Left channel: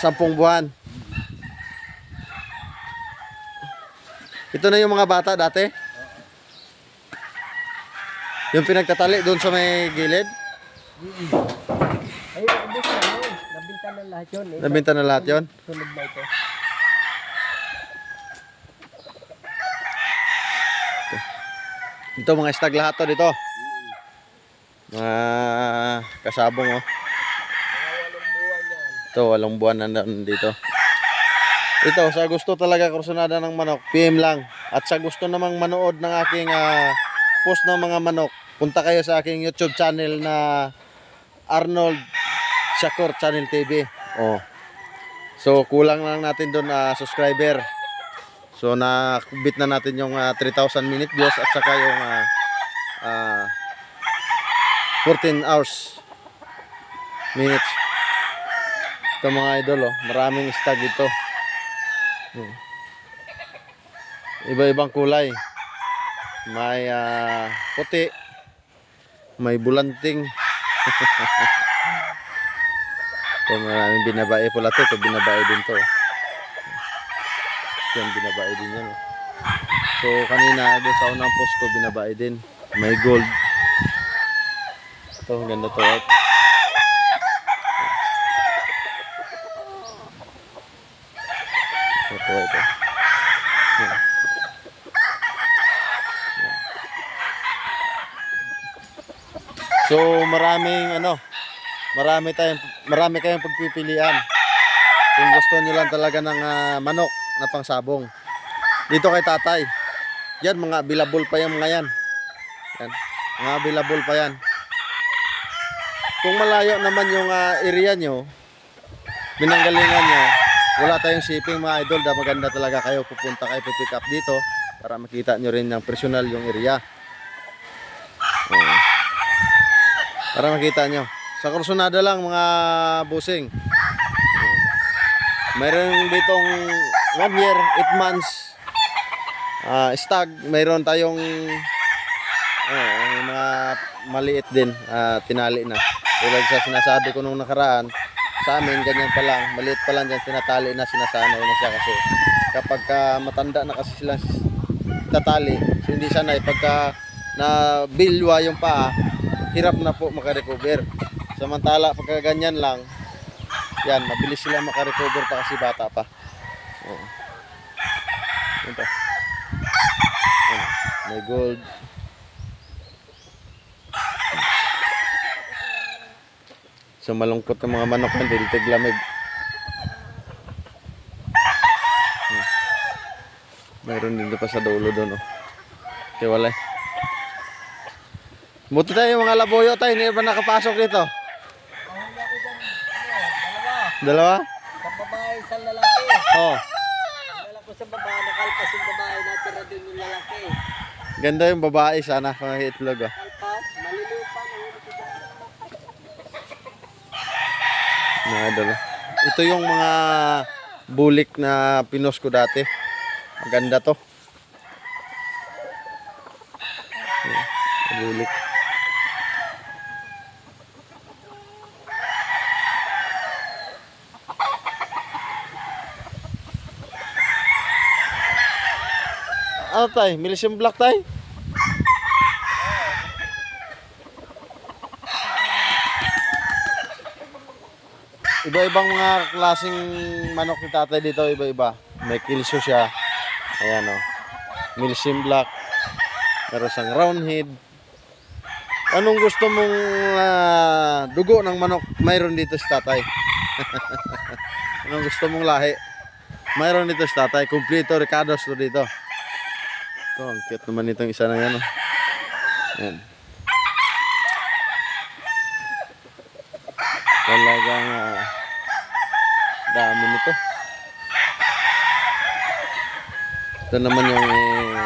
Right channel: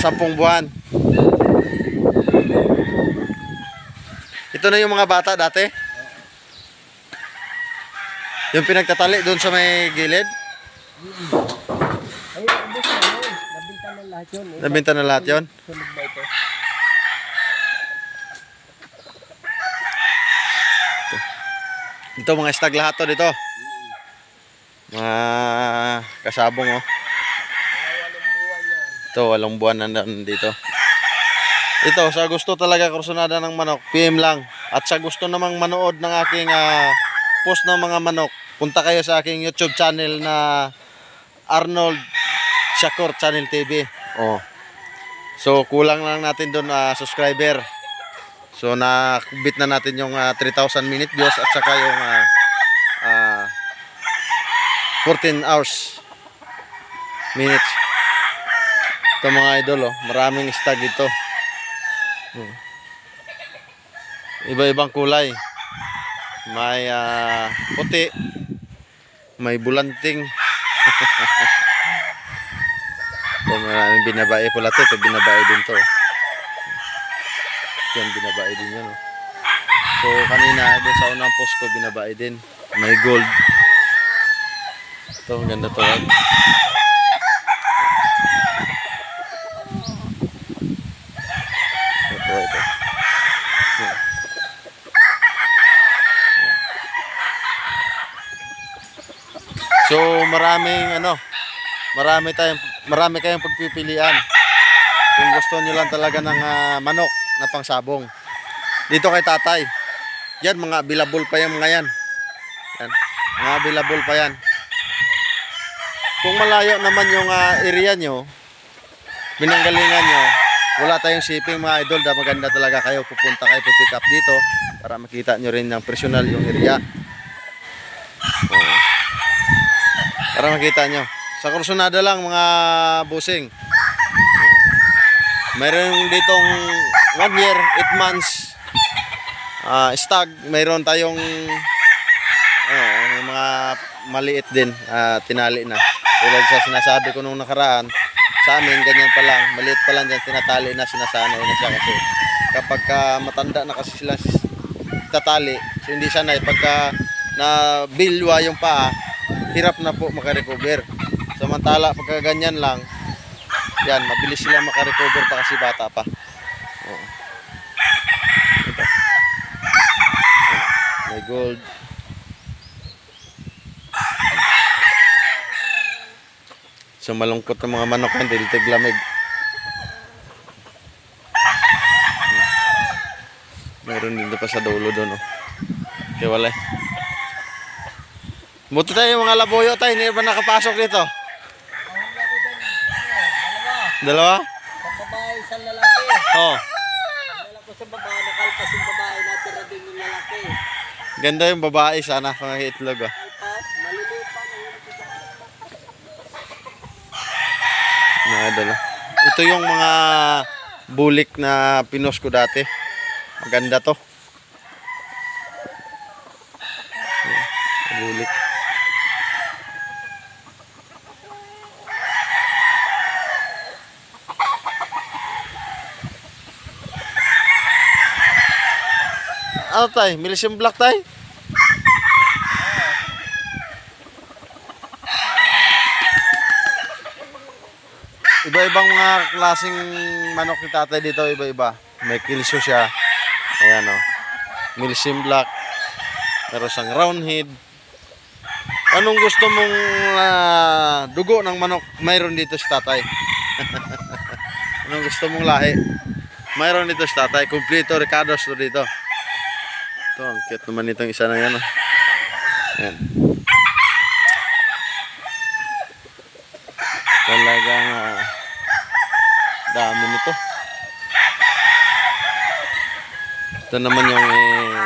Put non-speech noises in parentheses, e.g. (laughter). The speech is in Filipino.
Sampung buwan. Ito na yung mga bata dati? Yung pinagtatali doon sa may gilid? Ay, ubos na yun. Nabinta na lahat yun. Eh. Na lahat yon. Sunod na ito. Ito mga stag lahat to dito. Mga kasabong oh. Ito, walang buwan na nandito. Ito, sa gusto talaga kursunada ng manok, PM lang. At sa gusto namang manood ng aking ah, post ng mga manok, punta kayo sa aking YouTube channel na Arnold Shakur Channel TV. Oh. So, kulang lang natin doon ah, subscriber. So, nakubit na natin yung ah, 3,000 minute views at saka yung ah, ah, 14 hours minutes. Ito mga idol, oh, maraming stag dito. Hmm. Iba-ibang kulay. May ah, puti, may bulanting. (laughs) ito maraming binabae pula to. Ito binabae din to. Yan, binabae din yan. Oh. So, kanina, doon sa unang post ko, binabae din. May gold. Ito, ang ganda to. ah. Ito, ito. Yan. Yan. So, maraming ano, marami tayong marami kayong pagpipilian. Kung gusto niyo lang talaga ng ah, manok na pangsabong. Dito kay tatay. Yan, mga available pa yan mga yan. Yan. Mga available pa yan. Kung malayo naman yung ah, area nyo, binanggalingan nyo, wala tayong shipping mga idol, da maganda talaga kayo pupunta kayo pick up dito para makita nyo rin ng personal yung area. Oo. Para makita nyo. Sa Kursunada lang mga busing. Mayroon ditong one year, eight months ah stag. Mayroon tayong eh, mga maliit din, ah, tinali na. Tulad sa sinasabi ko nung nakaraan, sa amin ganyan pa lang, maliit pa lang dyan, tinatali na, sinasanay na siya kasi kapag ka matanda na kasi sila tatali, hindi sanay, pagka na bilwa yung paa, hirap na po makarecover. Samantala, pagka ganyan lang, yan, mabilis sila makarecover pa kasi bata pa. Oo. Ito. May gold. So malungkot ng mga manok yan, dahil tiglamig. Meron din pa sa dulo doon, oh. Okay, wala. eh. Buti tayo mga laboyo tayo, hindi ba nakapasok dito? Dalawa. Dalawa? Sa babae, sa lalaki. Oh. Dala ko sa babae, nakalpas yung babae, natira din yung lalaki. Ganda yung babae sana kung itlog ah. Pa. nahuli ko dyan. Nakadala. Ito yung mga bulik na pinos ko dati. Maganda to. Bulik. Ano tay? Milisium black tay? Iba-ibang mga klaseng manok ni tatay dito, iba-iba. May kilso siya. Ayan o. Milsim black. Meron siyang round head. Anong gusto mong ah, dugo ng manok? Mayroon dito sa tatay. (laughs) Anong gusto mong lahi? Mayroon dito sa tatay. Kompleto, Ricardo's to dito. Ito, ang cute naman itong isa na yan. Oh. Ayan. Talagang ah, dami nito. Ito naman yung eh,